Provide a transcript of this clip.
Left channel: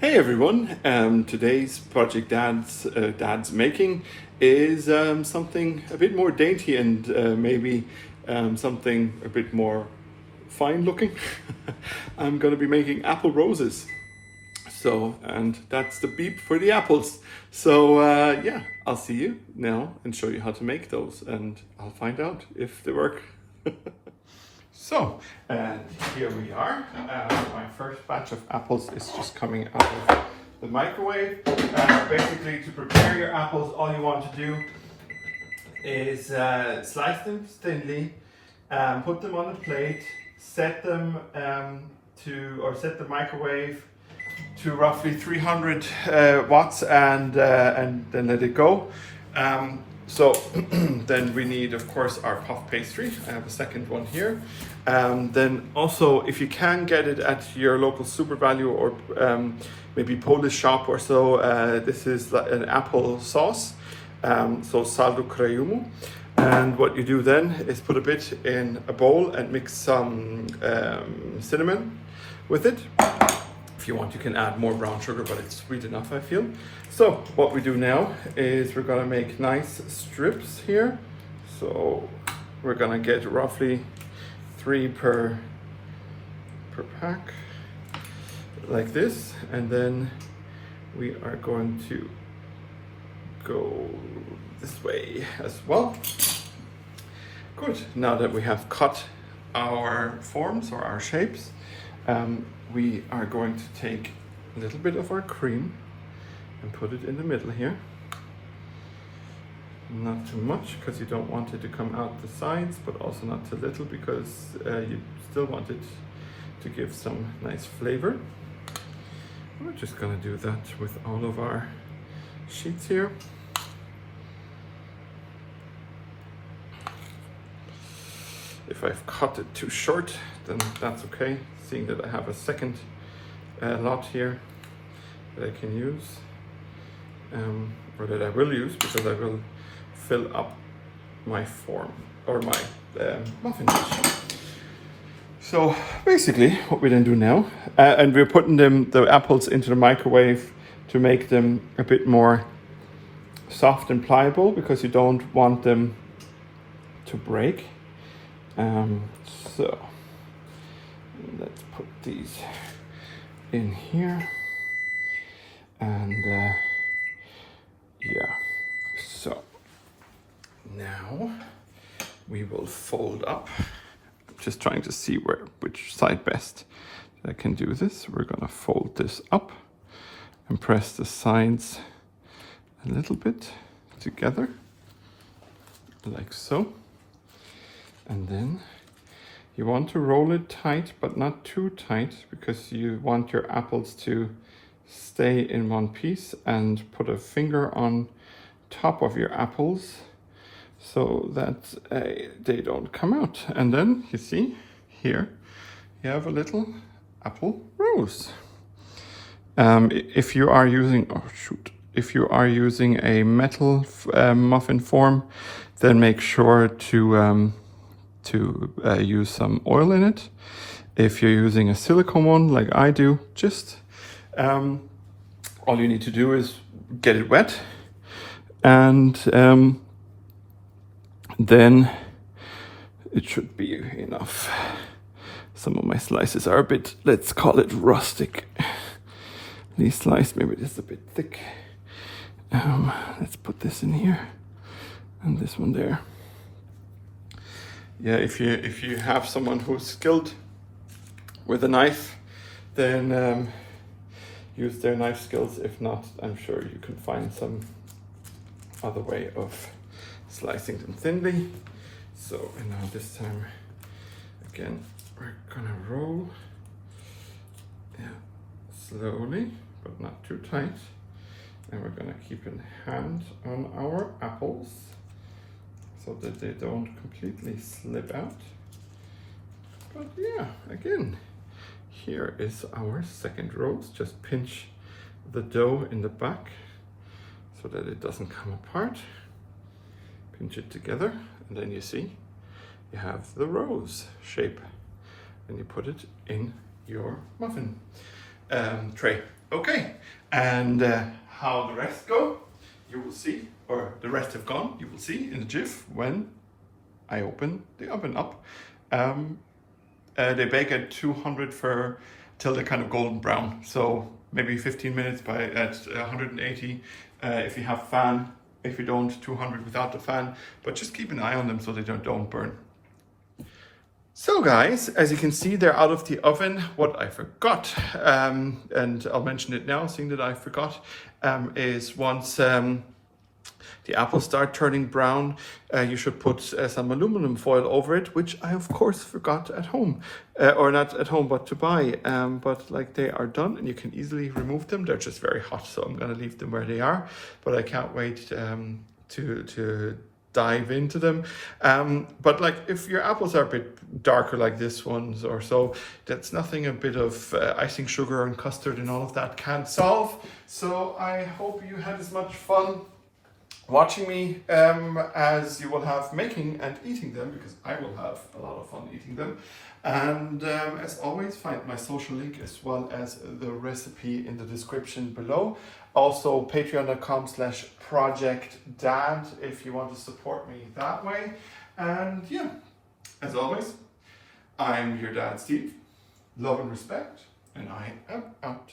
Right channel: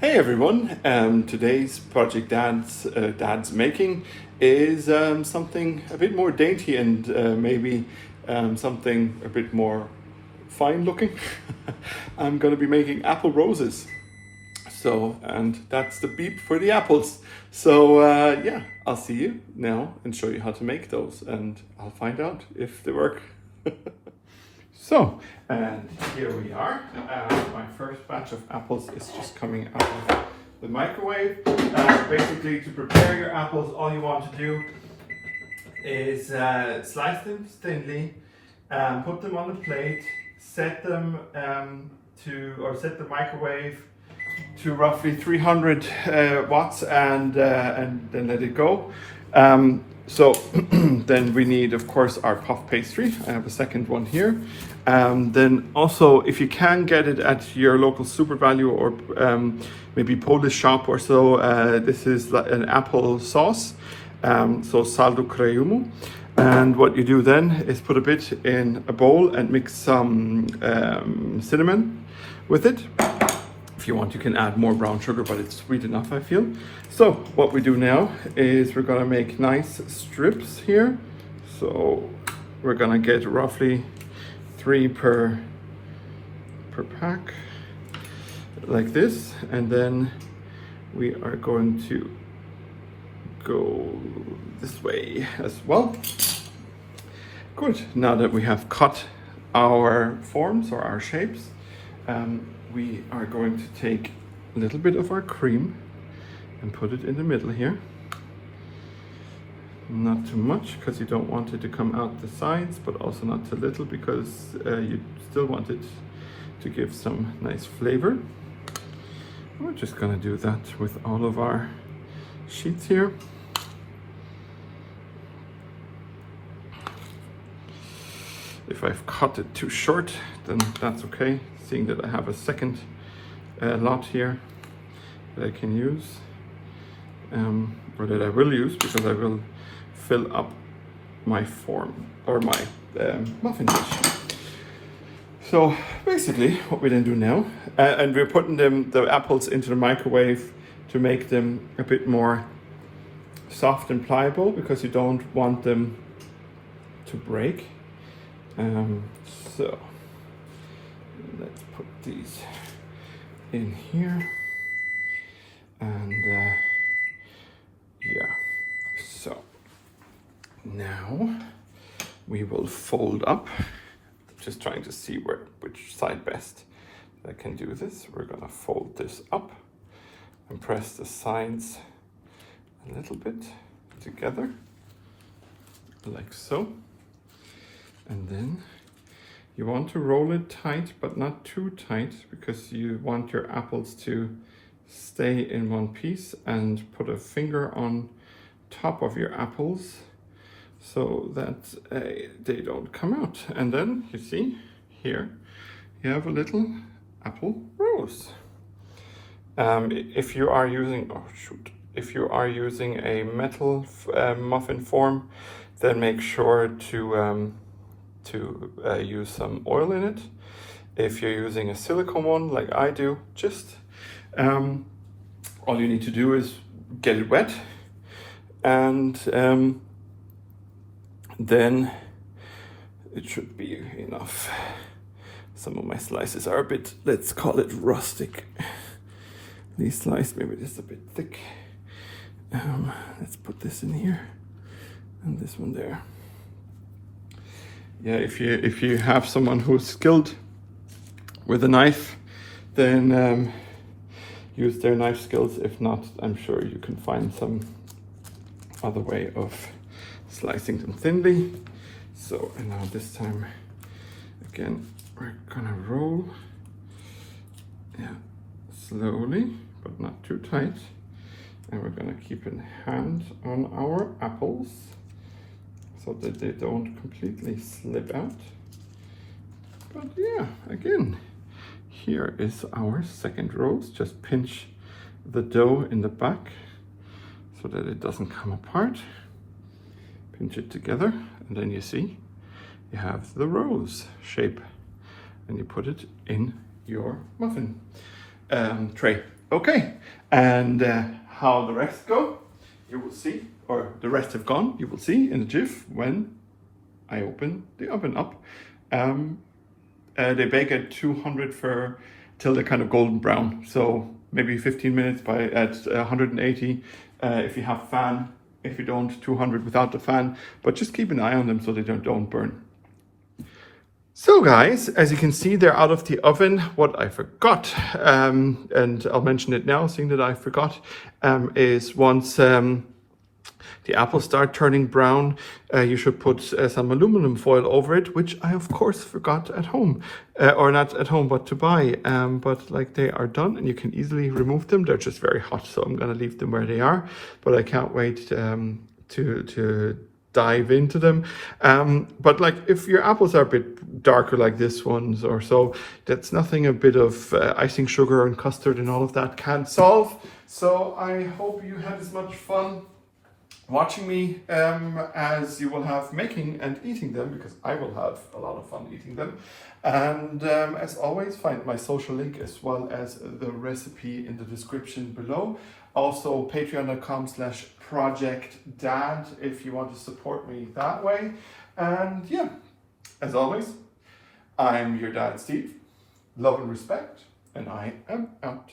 Hey everyone, today's project Dad's making is something a bit more dainty and maybe something a bit more fine looking. I'm going to be making apple roses. So, and that's the beep for the apples. So yeah, I'll see you now and show you how to make those, and I'll find out if they work. So, and here we are. My first batch of apples is just coming out of the microwave. Basically, to prepare your apples, all you want to do is slice them thinly, put them on the plate, set them set the microwave to roughly 300 watts, and then let it go. So then we need, of course, our puff pastry. I have a second one here. Then also, if you can get it at your local Super Value or maybe Polish shop or so, this is an apple sauce, so saldo creumu. And what you do then is put a bit in a bowl and mix some cinnamon with it. If you want, you can add more brown sugar, but it's sweet enough, I feel. So what we do now is we're gonna make nice strips here. So we're gonna get roughly 3 per pack, like this. And then we are going to go this way as well. Good, now that we have cut our forms or our shapes, we are going to take a little bit of our cream and put it in the middle here. Not too much, because you don't want it to come out the sides, but also not too little, because you still want it to give some nice flavor. We're just gonna do that with all of our sheets here. If I've cut it too short, then that's okay, seeing that I have a second lot here that I can use, or that I will use, because I will fill up my form, or my muffin dish. So basically what we then do now, and we're putting the apples into the microwave to make them a bit more soft and pliable, because you don't want them to break. So let's put these in here, and yeah, so now we will fold up. Just trying to see which side best I can do this. We're gonna fold this up and press the sides a little bit together, like so. And then you want to roll it tight, but not too tight, because you want your apples to stay in one piece, and put a finger on top of your apples so that they don't come out. And then you see here, you have a little apple rose. If you are using, if you are using a metal muffin form, then make sure to use some oil in it. If you're using a silicone one like I do, just all you need to do is get it wet, and then it should be enough. Some of my slices are a bit, let's call it rustic. These sliced, maybe this is a bit thick. Let's put this in here and this one there. Yeah, if you have someone who's skilled with a knife, then use their knife skills. If not, I'm sure you can find some other way of slicing them thinly. So, and now this time, again, we're gonna roll, yeah, slowly, but not too tight. And we're gonna keep a hand on our apples, so that they don't completely slip out. But yeah, again, here is our second rose. Just pinch the dough in the back so that it doesn't come apart. Pinch it together, and then you see you have the rose shape, and you put it in your muffin tray. Okay, and how the rest go, you will see, or the rest have gone, you will see in a jiff when I open the oven up. They bake at 200 for till they're kind of golden brown. So maybe 15 minutes at 180 if you have fan. If you don't, 200 without the fan. But just keep an eye on them so they don't burn. So guys, as you can see, they're out of the oven. What I forgot, and I'll mention it now, seeing that I forgot, is once the apples start turning brown, you should put some aluminum foil over it, which I of course forgot at home, or not at home, but to buy. But like, they are done and you can easily remove them. They're just very hot, so I'm gonna leave them where they are. But I can't wait to dive into them. But like, if your apples are a bit darker like this ones or so, that's nothing a bit of icing sugar and custard and all of that can't solve. So I hope you had as much fun watching me as you will have making and eating them, because I will have a lot of fun eating them. And as always, find my social link as well as the recipe in the description below. Also patreon.com/projectdad if you want to support me that way. And yeah, as always, I'm your dad Steve. Love and respect, and I am out.